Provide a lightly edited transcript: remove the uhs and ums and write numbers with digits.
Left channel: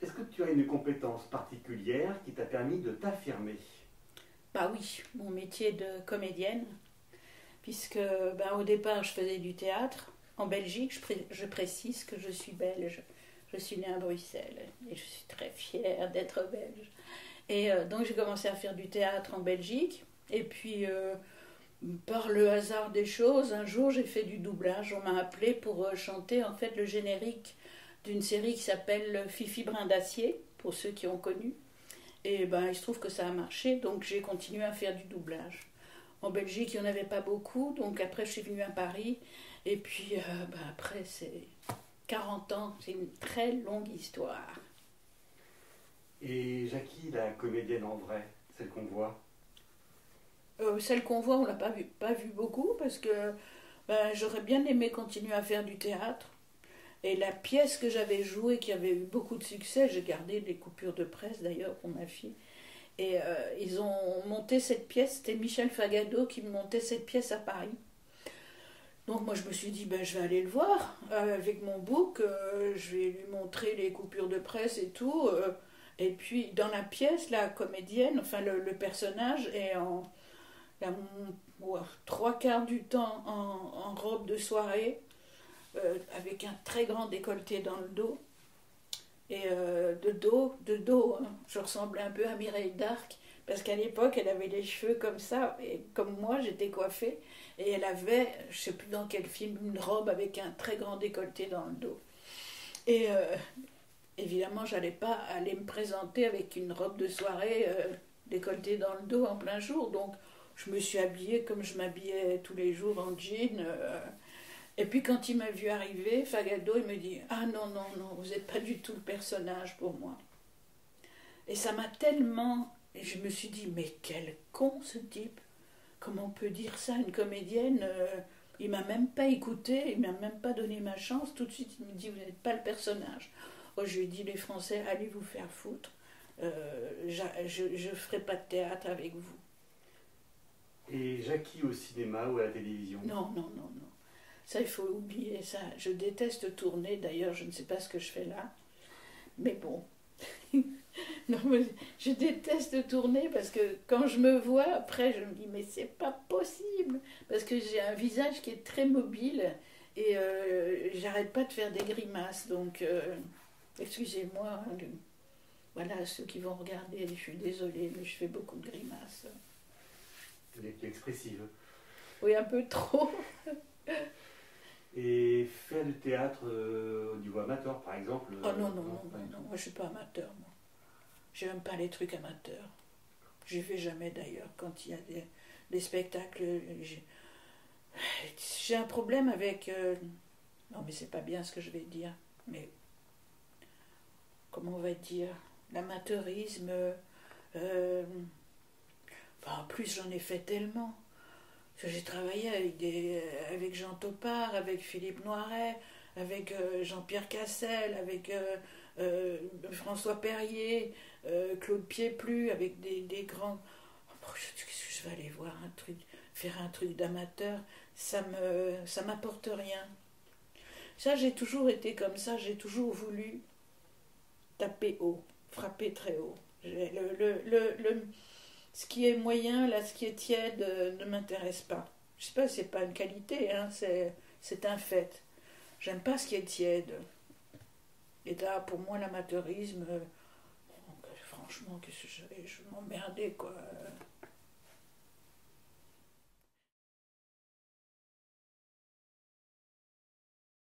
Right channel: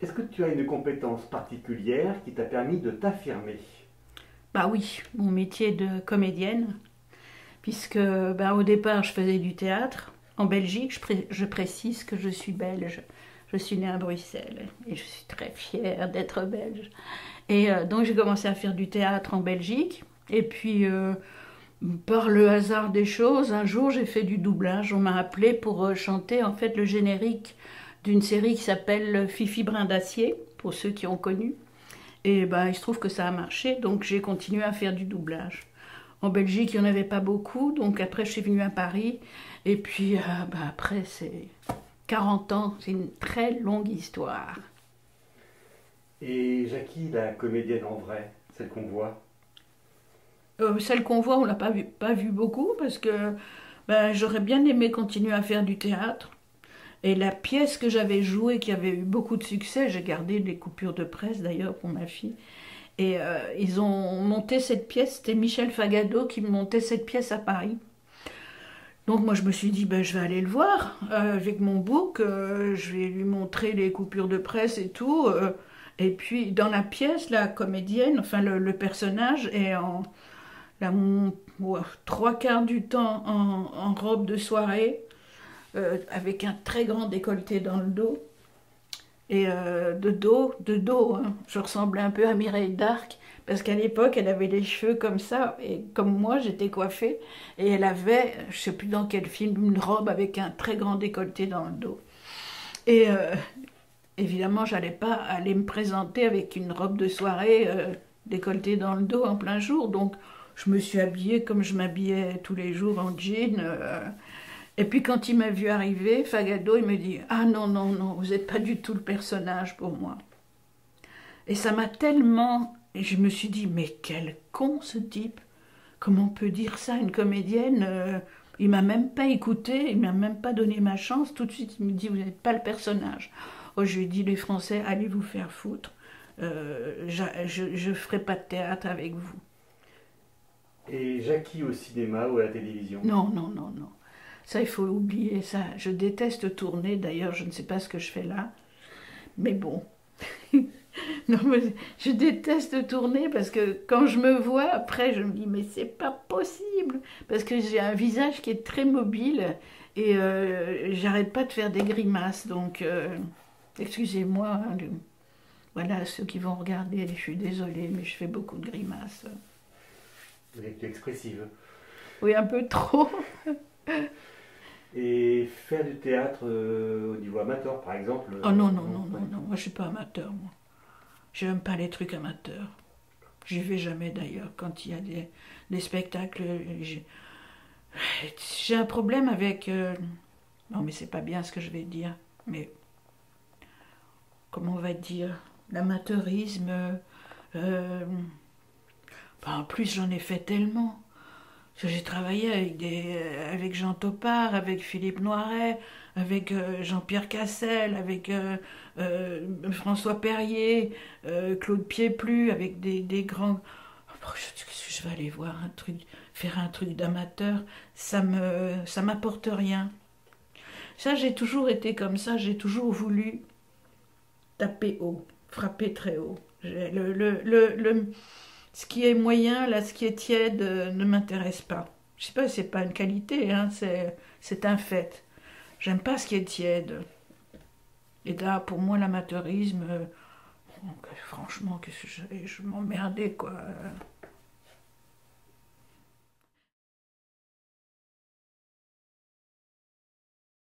Est-ce que tu as une compétence particulière qui t'a permis de t'affirmer? Bah oui, mon métier de comédienne, puisque bah, au départ je faisais du théâtre en Belgique. Je précise que je suis belge. Je suis née à Bruxelles et je suis très fière d'être belge. Et donc j'ai commencé à faire du théâtre en Belgique. Et puis par le hasard des choses, un jour j'ai fait du doublage. On m'a appelé pour chanter en fait le générique d'une série qui s'appelle Fifi Brin d'Acier, pour ceux qui ont connu. Et bah, il se trouve que ça a marché, donc j'ai continué à faire du doublage. En Belgique, il n'y en avait pas beaucoup, donc après je suis venue à Paris. Et puis bah, après, c'est 40 ans, c'est une très longue histoire. Et Jackie, la comédienne en vrai, celle qu'on voit? Celle qu'on voit, on l'a pas vu beaucoup parce que bah, j'aurais bien aimé continuer à faire du théâtre. Et la pièce que j'avais jouée, qui avait eu beaucoup de succès, j'ai gardé des coupures de presse d'ailleurs pour ma fille. Et ils ont monté cette pièce, c'était Michel Fagado qui montait cette pièce à Paris. Donc moi je me suis dit, ben, je vais aller le voir avec mon book, je vais lui montrer les coupures de presse et tout. Et puis dans la pièce, la comédienne, enfin le personnage est en la, ouais, trois quarts du temps en robe de soirée, avec un très grand décolleté dans le dos. Et de dos, hein. Je ressemblais un peu à Mireille d'Arc, parce qu'à l'époque, elle avait les cheveux comme ça, et comme moi, j'étais coiffée, et elle avait, je sais plus dans quel film, une robe avec un très grand décolleté dans le dos. Et évidemment, j'allais pas aller me présenter avec une robe de soirée décolletée dans le dos en plein jour, donc je me suis habillée comme je m'habillais tous les jours en jean. Et puis quand il m'a vu arriver, Fagado, il me dit: Ah non, non, non, vous n'êtes pas du tout le personnage pour moi. Et ça m'a tellement. Et je me suis dit: Mais quel con ce type! Comment on peut dire ça à une comédienne? Il m'a même pas écouté, il m'a même pas donné ma chance. Tout de suite, il me dit: Vous n'êtes pas le personnage. Oh, je lui ai dit: Les Français, allez vous faire foutre. Je ferai pas de théâtre avec vous. Et Jackie au cinéma ou à la télévision? Non, non, non, non. Ça, il faut oublier ça. Je déteste tourner. D'ailleurs, je ne sais pas ce que je fais là. Mais bon. Non, mais je déteste tourner parce que quand je me vois, après, je me dis: Mais c'est pas possible. Parce que j'ai un visage qui est très mobile et j'arrête pas de faire des grimaces. Donc, excusez-moi, hein, voilà, ceux qui vont regarder, je suis désolée, mais je fais beaucoup de grimaces. Vous êtes expressive. Oui, un peu trop. Et faire du théâtre au niveau amateur, par exemple, Oh non, non, non, non, pas non, du non, tout. moi je suis pas amateur, moi. J'aime pas les trucs amateurs. J'y vais jamais d'ailleurs quand il y a des spectacles. J'ai un problème avec. Non, mais c'est pas bien ce que je vais dire. Mais comment on va dire? L'amateurisme. euh, enfin, en plus, j'en ai fait tellement. J'ai travaillé avec Jean Topard, avec Philippe Noiret, avec Jean-Pierre Cassel, avec François Perrier, Claude Pieplu, avec des grands. Oh, je vais aller voir un truc, faire un truc d'amateur, ça m'apporte rien. Ça, j'ai toujours été comme ça, j'ai toujours voulu taper haut, frapper très haut. Ce qui est moyen, là, ce qui est tiède, ne m'intéresse pas. Je sais pas, c'est pas une qualité, hein, c'est un fait. J'aime pas ce qui est tiède. Et là, pour moi, l'amateurisme, franchement, qu'est-ce que je m'emmerdais, quoi.